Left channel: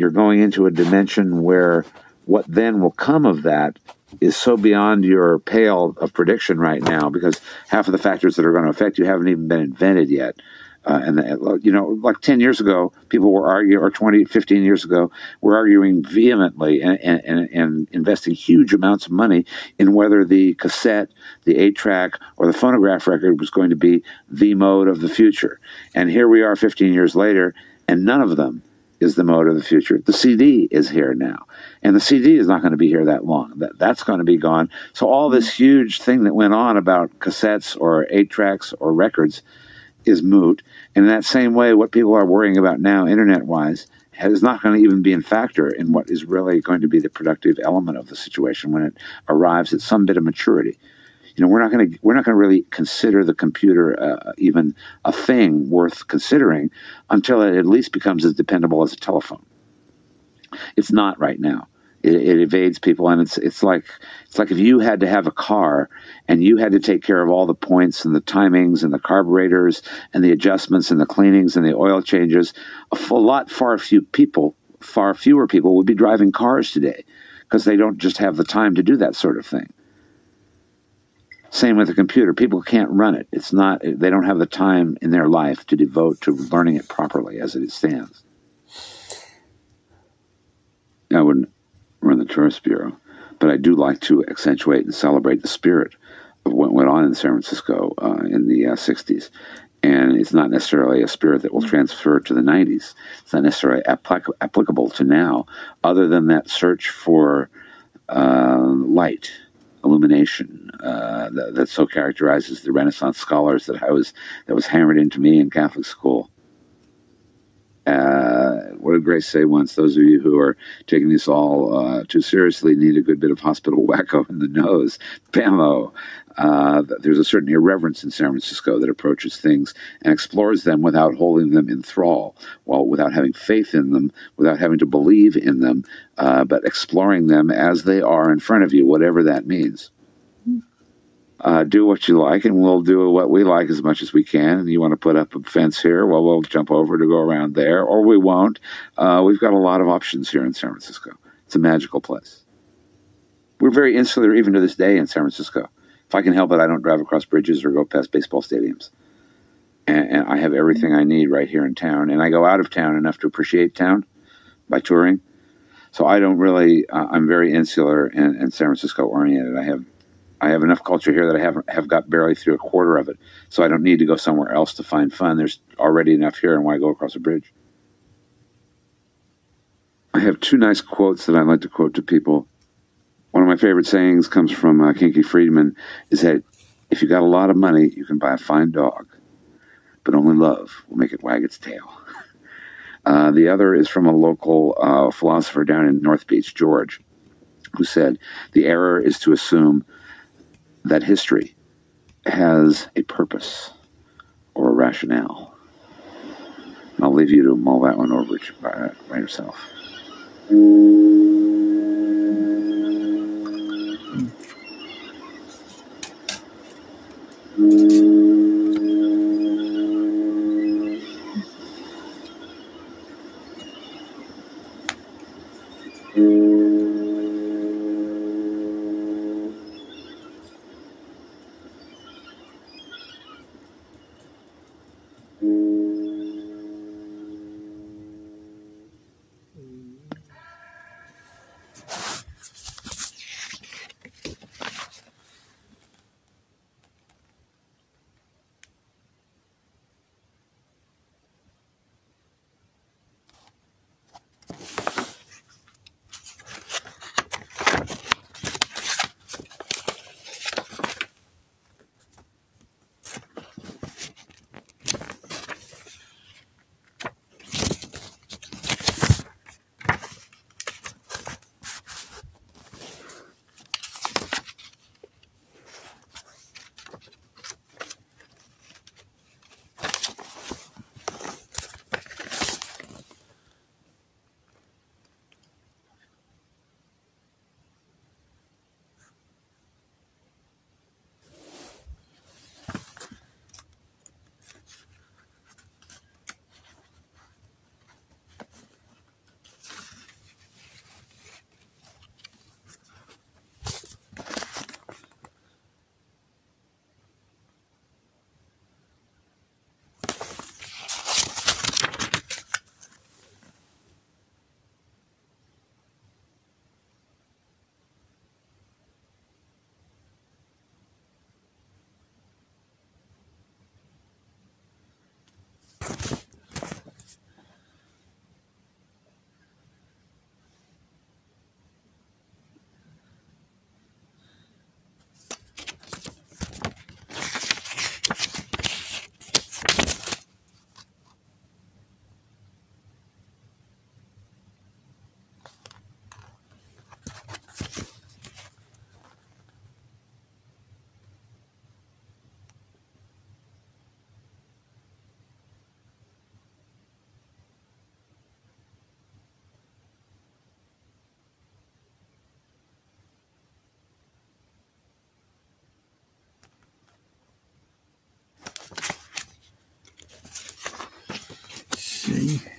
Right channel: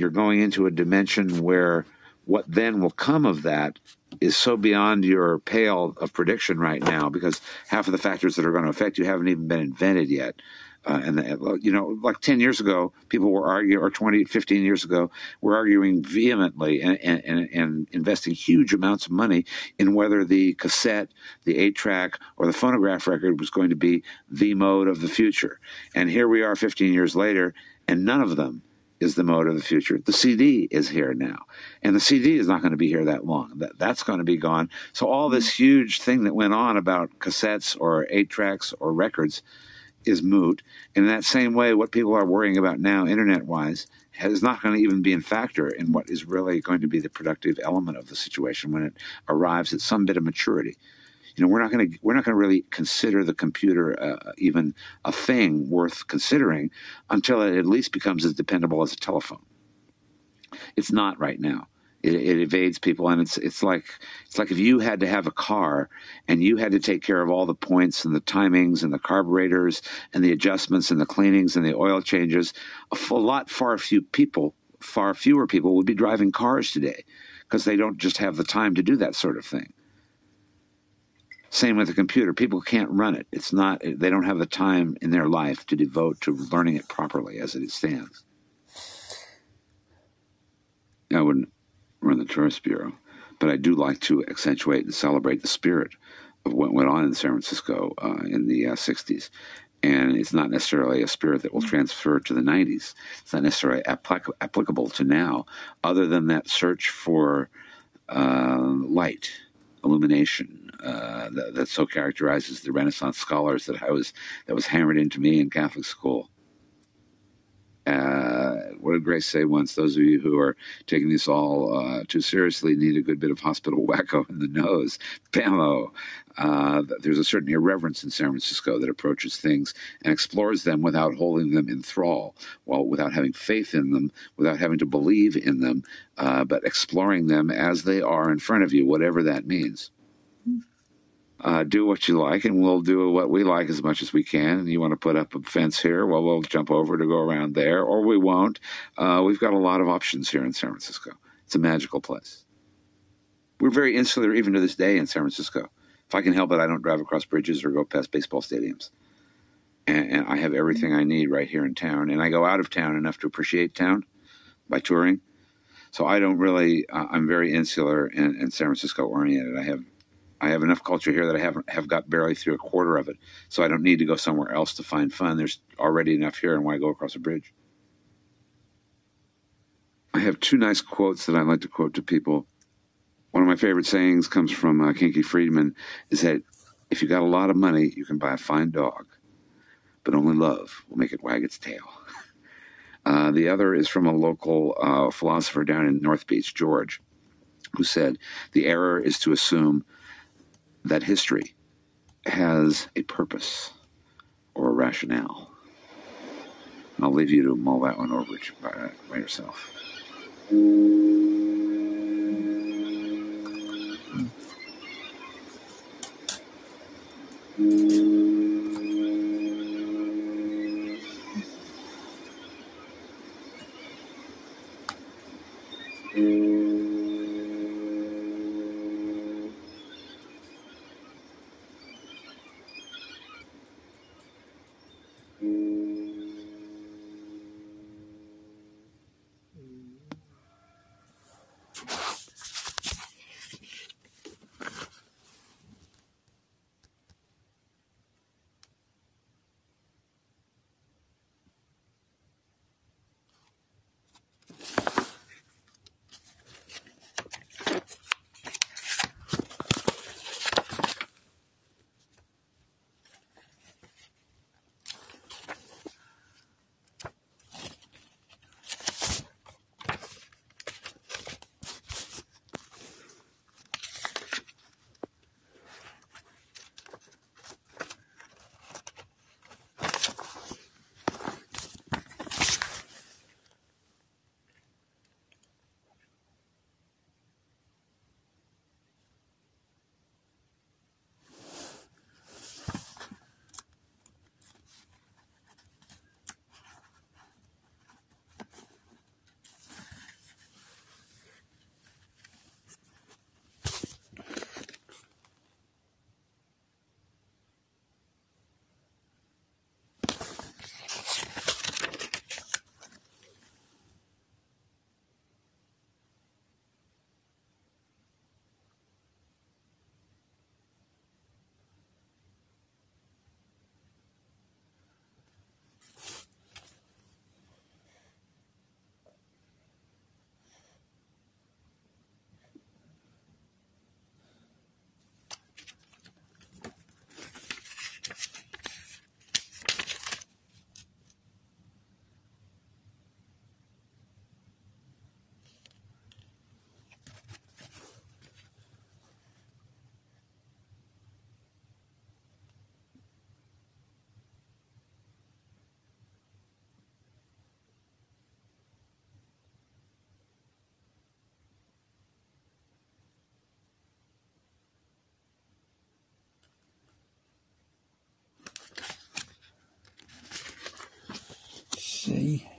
you're going into a dimension where what then will come of that is so beyond your pale of prediction right now, because half of the factors that are going to affect you haven't even been invented yet. Like 10 years ago, people were arguing, or 20, 15 years ago, were arguing vehemently and investing huge amounts of money in whether the cassette, the 8-track, or the phonograph record was going to be the mode of the future. And here we are 15 years later, and none of them is the mode of the future. The CD is here now, and the CD is not going to be here that long. That's going to be gone. So all this huge thing that went on about cassettes or 8-tracks or records is moot. And in that same way, what people are worrying about now, internet-wise, is not going to even be in factor in what is really going to be the productive element of the situation when it arrives at some bit of maturity. We're not going to really consider the computer even a thing worth considering until it at least becomes as dependable as a telephone. It's not right now. It evades people, and it's like if you had to have a car and you had to take care of all the points and the timings and the carburetors and the adjustments and the cleanings and the oil changes. Far fewer people would be driving cars today because they don't just have the time to do that sort of thing. Same with the computer. People can't run it. They don't have the time in their life to devote to learning it properly as it stands. I wouldn't run the tourist bureau, but I do like to accentuate and celebrate the spirit of what went on in San Francisco in the 60s. And it's not necessarily a spirit that will transfer to the 90s. It's not necessarily applicable to now, other than that search for light, illumination, that so characterizes the Renaissance scholars that was hammered into me in Catholic school. What did Grace say once? Those of you who are taking this all too seriously need a good bit of hospital wacko in the nose. Bammo! There's a certain irreverence in San Francisco that approaches things and explores them without holding them in thrall, without having faith in them, without having to believe in them, but exploring them as they are in front of you, whatever that means. Do what you like, and we'll do what we like as much as we can. And you want to put up a fence here, well, we'll jump over to go around there, or we won't. We've got a lot of options here in San Francisco. It's a magical place. We're very insular even to this day in San Francisco. If I can help it, I don't drive across bridges or go past baseball stadiums. And I have everything I need right here in town. And I go out of town enough to appreciate town by touring. So I don't really, I'm very insular and San Francisco oriented. I have enough culture here that I have got barely through a quarter of it. So I don't need to go somewhere else to find fun. There's already enough here, and why go across a bridge? I have two nice quotes that I like to quote to people. One of my favorite sayings comes from Kinky Friedman, is that if you got a lot of money, you can buy a fine dog, but only love will make it wag its tail. The other is from a local philosopher down in North Beach, George, who said, the error is to assume that history has a purpose or a rationale. And I'll leave you to mull that one over by yourself. see.